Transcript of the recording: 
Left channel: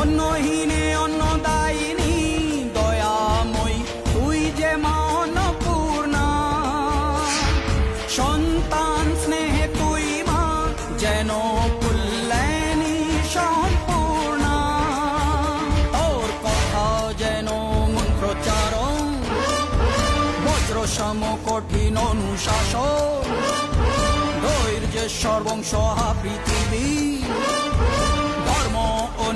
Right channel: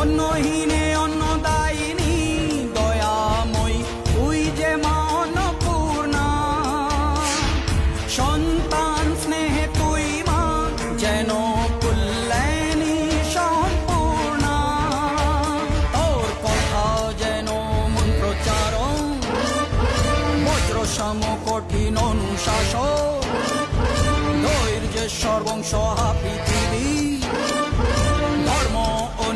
অন্নহীনে অন্নদায়িনী দয়াময়ী তুই যে মা অন্নপূর্ণা। সন্তান স্নেহে তুই মা যেন কল্যাণী সম্পূর্ণা। তোর কথা যেন মন্ত্রোচ্চারণ, বজ্র সম কঠিন অনুশাসন। ধৈর্যেশ্বর বংশ পৃথিবী, ধর্ম ও